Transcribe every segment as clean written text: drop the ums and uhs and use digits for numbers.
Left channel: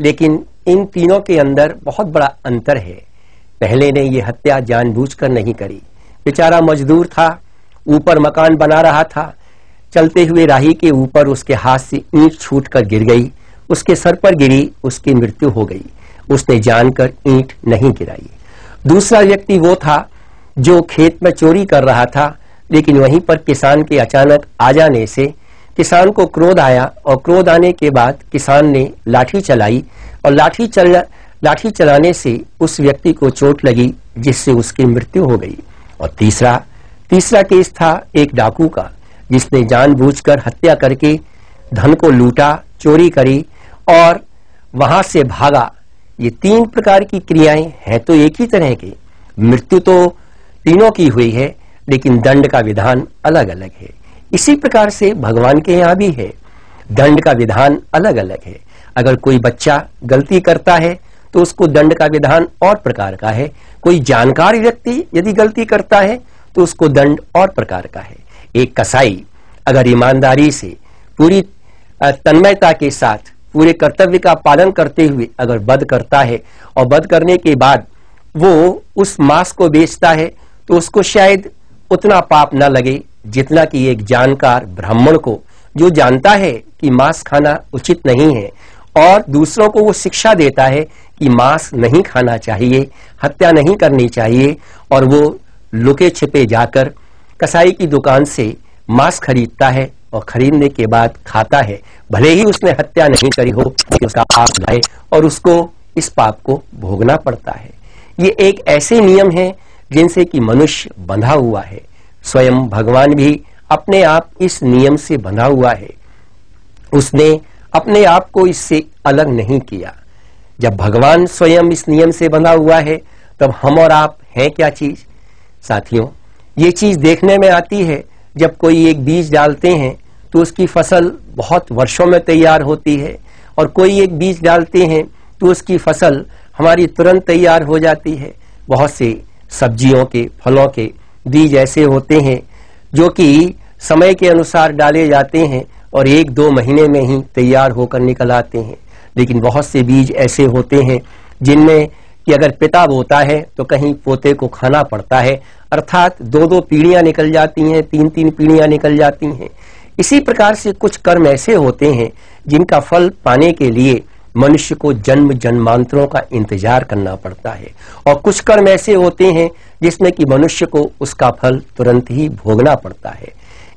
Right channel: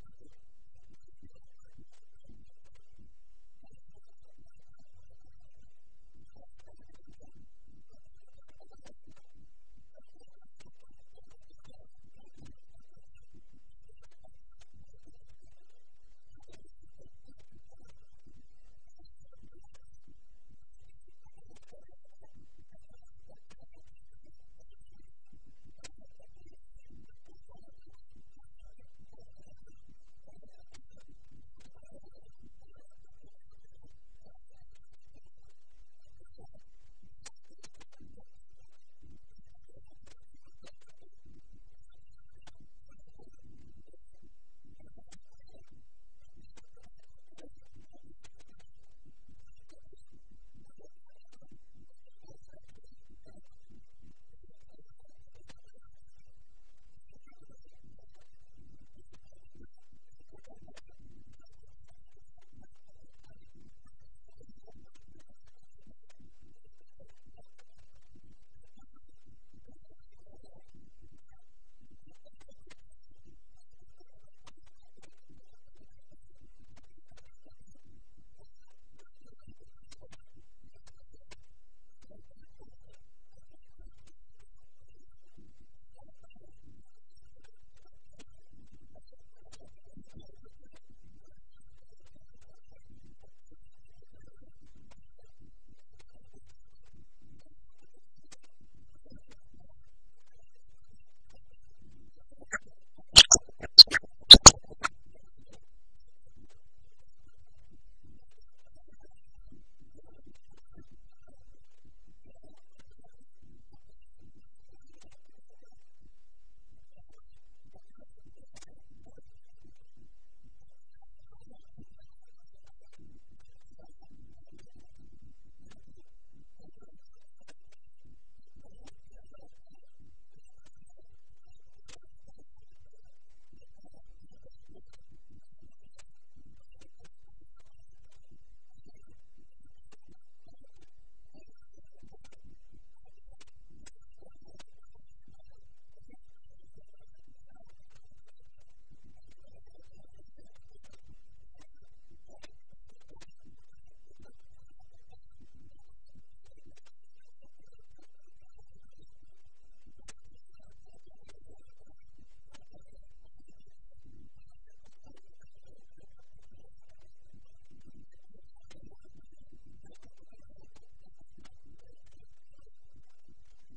लेकिन इन तीनों के अंदर बहुत बड़ा अंतर है। पहले ने ये हत्या जानबूझकर नहीं करी, बेचारा मजदूर था, ऊपर मकान बना रहा था, चलते हुए राही के ऊपर उसके हाथ से ईंट छूटकर गिर गई, उसके सर पर गिरी, उसकी मृत्यु हो गई। उसने जानकर ईंट नहीं गिराई। दूसरा व्यक्ति वो था जो खेत में चोरी कर रहा था, लेकिन वहीं पर किसान के अचानक आ जाने से किसान को क्रोध आया और क्रोध आने के बाद किसान ने लाठी चलाई और लाठी चलाने से उस व्यक्ति को चोट लगी, जिससे उसकी मृत्यु हो गई। और तीसरा केस था एक डाकू का, जिसने जानबूझकर हत्या करके धन को लूटा, चोरी करी और वहां से भागा। ये तीन प्रकार की क्रियाएं हैं तो एक ही तरह की, मृत्यु तो तीनों की हुई है, लेकिन दंड का विधान अलग अलग है। इसी प्रकार से भगवान के यहाँ भी है, दंड का विधान अलग अलग है। अगर कोई बच्चा गलती करता है तो उसको दंड का विधान और प्रकार का है। कोई जानकार व्यक्ति यदि गलती करता है तो उसको दंड और प्रकार का है। एक कसाई अगर ईमानदारी से पूरी तन्मयता के साथ पूरे कर्तव्य का पालन करते हुए अगर वध करता है और वध करने के बाद वो उस मांस को बेचता है तो उसको शायद उतना पाप न लगे जितना कि एक जानकार ब्राह्मण को, जो जानता है कि मांस खाना उचित नहीं है और दूसरों को वो शिक्षा देता है कि मांस नहीं खाना चाहिए, हत्या नहीं करनी चाहिए, और वो लुके छिपे जाकर कसाई की दुकान से मांस खरीदता है और खरीदने के बाद खाता है। भले ही उसने हत्या नहीं करी हो, उसका पाप लाए और उसको इस पाप को भोगना पड़ता है। ये एक ऐसे नियम है जिनसे कि मनुष्य बंधा हुआ है। स्वयं भगवान भी अपने आप इस नियम से बंधा हुआ है, उसने अपने आप को इससे अलग नहीं किया। जब भगवान स्वयं इस नियम से बंधा हुआ है तब हम और आप हैं क्या चीज? साथियों, ये चीज देखने में आती है जब कोई एक बीज डालते हैं तो उसकी फसल बहुत वर्षों में तैयार होती है, और कोई एक बीज डालते हैं तो उसकी फसल हमारी तुरंत तैयार हो जाती है। बहुत से सब्जियों के, फलों के बीज ऐसे होते हैं जो कि समय के अनुसार डाले जाते हैं और 1-2 महीने में ही तैयार होकर निकल आते हैं। लेकिन बहुत से बीज ऐसे होते हैं जिनमें कि अगर पिता बोता है तो कहीं पोते को खाना पड़ता है, अर्थात 2-2 पीढ़ियां निकल जाती हैं, 3-3 पीढ़ियां निकल जाती हैं। इसी प्रकार से कुछ कर्म ऐसे होते हैं जिनका फल पाने के लिए मनुष्य को जन्म जन्मांतरों का इंतजार करना पड़ता है, और कुछ कर्म ऐसे होते हैं जिसमें कि मनुष्य को उसका फल तुरंत ही भोगना पड़ता है।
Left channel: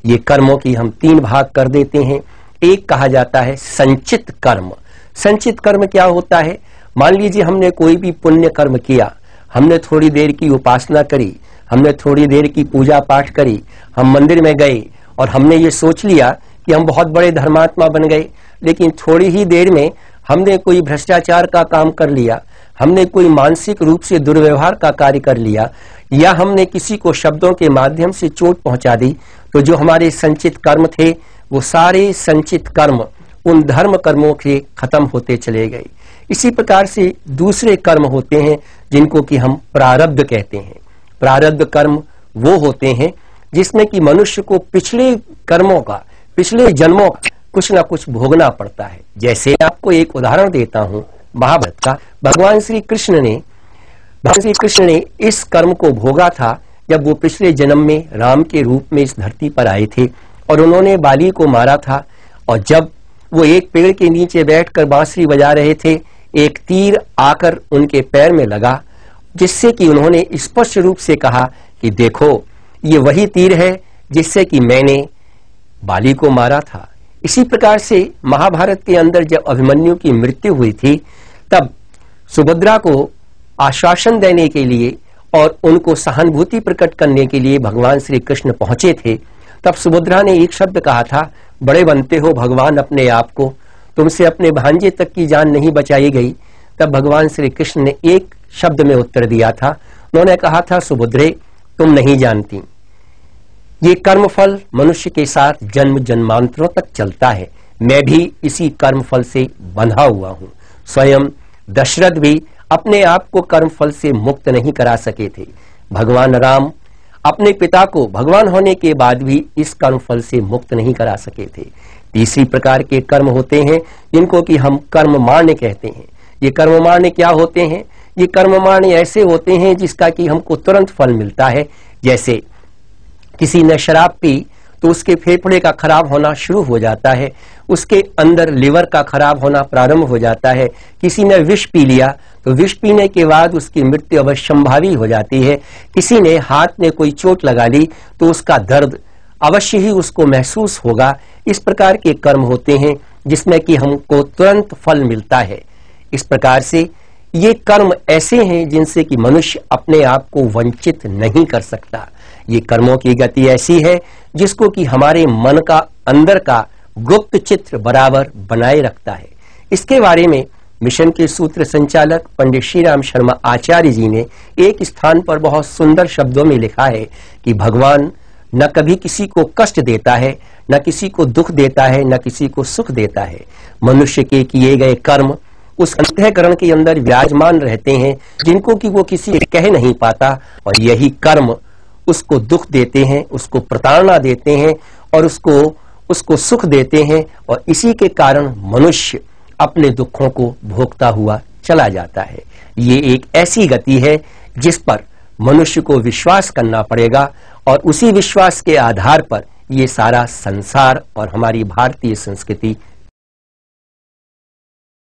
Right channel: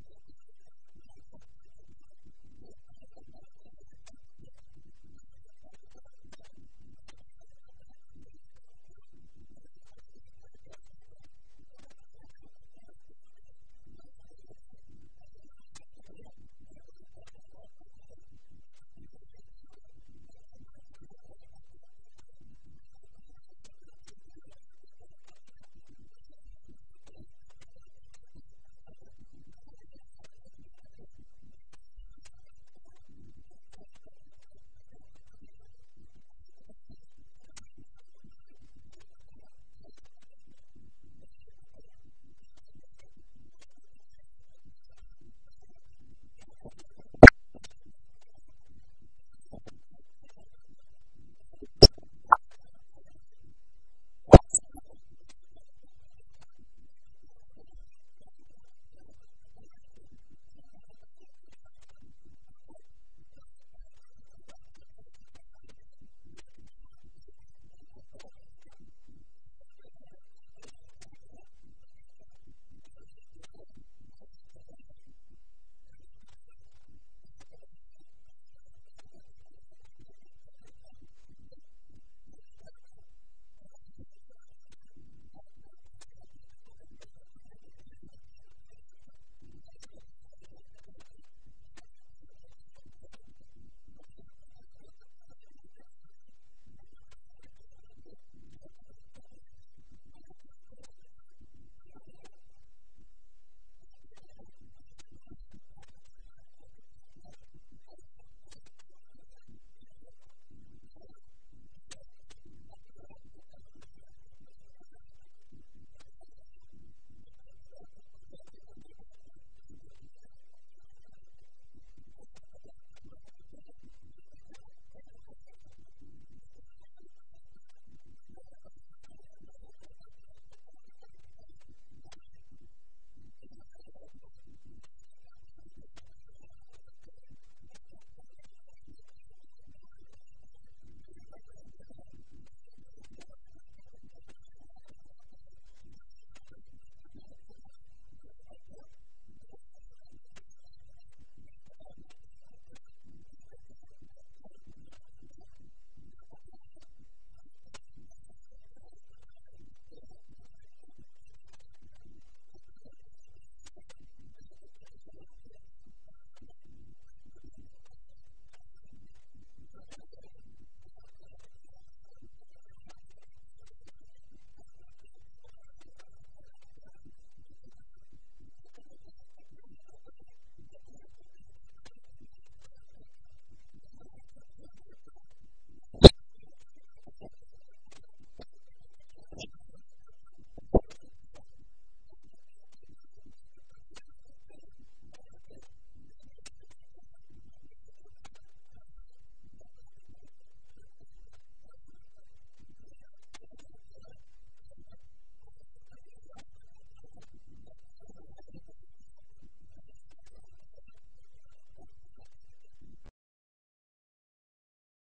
ये कर्मों की हम 3 भाग कर देते हैं। एक कहा जाता है संचित कर्म। संचित कर्म क्या होता है? मान लीजिए हमने कोई भी पुण्य कर्म किया, हमने थोड़ी देर की उपासना करी, हमने थोड़ी देर की पूजा पाठ करी, हम मंदिर में गए और हमने ये सोच लिया कि हम बहुत बड़े धर्मात्मा बन गए, लेकिन थोड़ी ही देर में हमने कोई भ्रष्टाचार का काम कर लिया, हमने कोई मानसिक रूप से दुर्व्यवहार का कार्य कर लिया, या हमने किसी को शब्दों के माध्यम से चोट पहुंचा दी, तो जो हमारे संचित कर्म थे वो सारे संचित कर्म उन धर्म कर्मों के खत्म होते चले गए। इसी प्रकार से दूसरे कर्म होते हैं जिनको कि हम प्रारब्ध कहते हैं। प्रारब्ध कर्म वो होते हैं जिसमें कि मनुष्य को पिछले कर्मों का, पिछले जन्मों का कुछ ना कुछ भोगना पड़ता है। जैसे आपको एक उदाहरण देता हूं महाभारत का। भगवान श्री कृष्ण ने इस कर्म को भोगा था जब वो पिछले जन्म में राम के रूप में इस धरती पर आए थे और उन्होंने बाली को मारा था, और जब वो एक पेड़ के नीचे बैठकर बांसुरी बजा रहे थे, एक तीर आकर उनके पैर में लगा, जिससे कि उन्होंने स्पष्ट रूप से कहा कि देखो ये वही तीर है जिससे कि मैंने बाली को मारा था। इसी प्रकार से महाभारत के अंदर जब अभिमन्यु की मृत्यु हुई थी तब सुभद्रा को आश्वासन देने के लिए और उनको सहानुभूति प्रकट करने के लिए भगवान श्री कृष्ण पहुंचे थे। तब सुभद्रा ने एक शब्द कहा था, बड़े बनते हो भगवान अपने आप को, तुमसे अपने भांजे तक की जान नहीं बचाई गई। तब भगवान श्री कृष्ण ने एक शब्द में उत्तर दिया था, उन्होंने कहा था, सुभद्रे तुम नहीं जानती, ये कर्मफल मनुष्य के साथ जन्म जन्मांतरों तक चलता है। मैं भी इसी कर्मफल से बंधा हुआ हूं। स्वयं दशरथ भी अपने आप को कर्मफल से मुक्त नहीं करा सके थे। भगवान राम अपने पिता को भगवान होने के बाद भी इस कर्मफल से मुक्त नहीं करा सके थे। तीसरी प्रकार के कर्म होते हैं जिनको कि हम कर्म मान्य कहते हैं। ये कर्म मान्य क्या होते हैं? ये कर्म मान्य ऐसे होते हैं जिसका कि हमको तुरंत फल मिलता है। जैसे किसी ने शराब पी तो उसके फेफड़े का खराब होना शुरू हो जाता है, उसके अंदर लिवर का खराब होना प्रारंभ हो जाता है। किसी ने विष पी लिया तो विष पीने के बाद उसकी मृत्यु अवश्यंभावी हो जाती है। किसी ने हाथ में कोई चोट लगा ली तो उसका दर्द अवश्य ही उसको महसूस होगा। इस प्रकार के कर्म होते हैं जिसमें कि हमको तुरंत फल मिलता है। इस प्रकार से ये कर्म ऐसे हैं जिनसे कि मनुष्य अपने आप को वंचित नहीं कर सकता। ये कर्मों की गति ऐसी है जिसको कि हमारे मन का अंदर का गुप्त चित्र बराबर बनाए रखता है। इसके बारे में मिशन के सूत्र संचालक पंडित श्री राम शर्मा आचार्य जी ने एक स्थान पर बहुत सुंदर शब्दों में लिखा है कि भगवान न कभी किसी को कष्ट देता है, न किसी को दुख देता है, न किसी को सुख देता है। मनुष्य के किए गए कर्म उस अंतःकरण के अंदर विराजमान रहते हैं जिनको कि वो किसी से कह नहीं पाता, और यही कर्म उसको दुख देते हैं, उसको प्रताड़ना देते हैं और उसको सुख देते हैं। और इसी के कारण मनुष्य अपने दुखों को भोगता हुआ चला जाता है। ये एक ऐसी गति है जिस पर मनुष्य को विश्वास करना पड़ेगा, और उसी विश्वास के आधार पर ये सारा संसार और हमारी भारतीय संस्कृति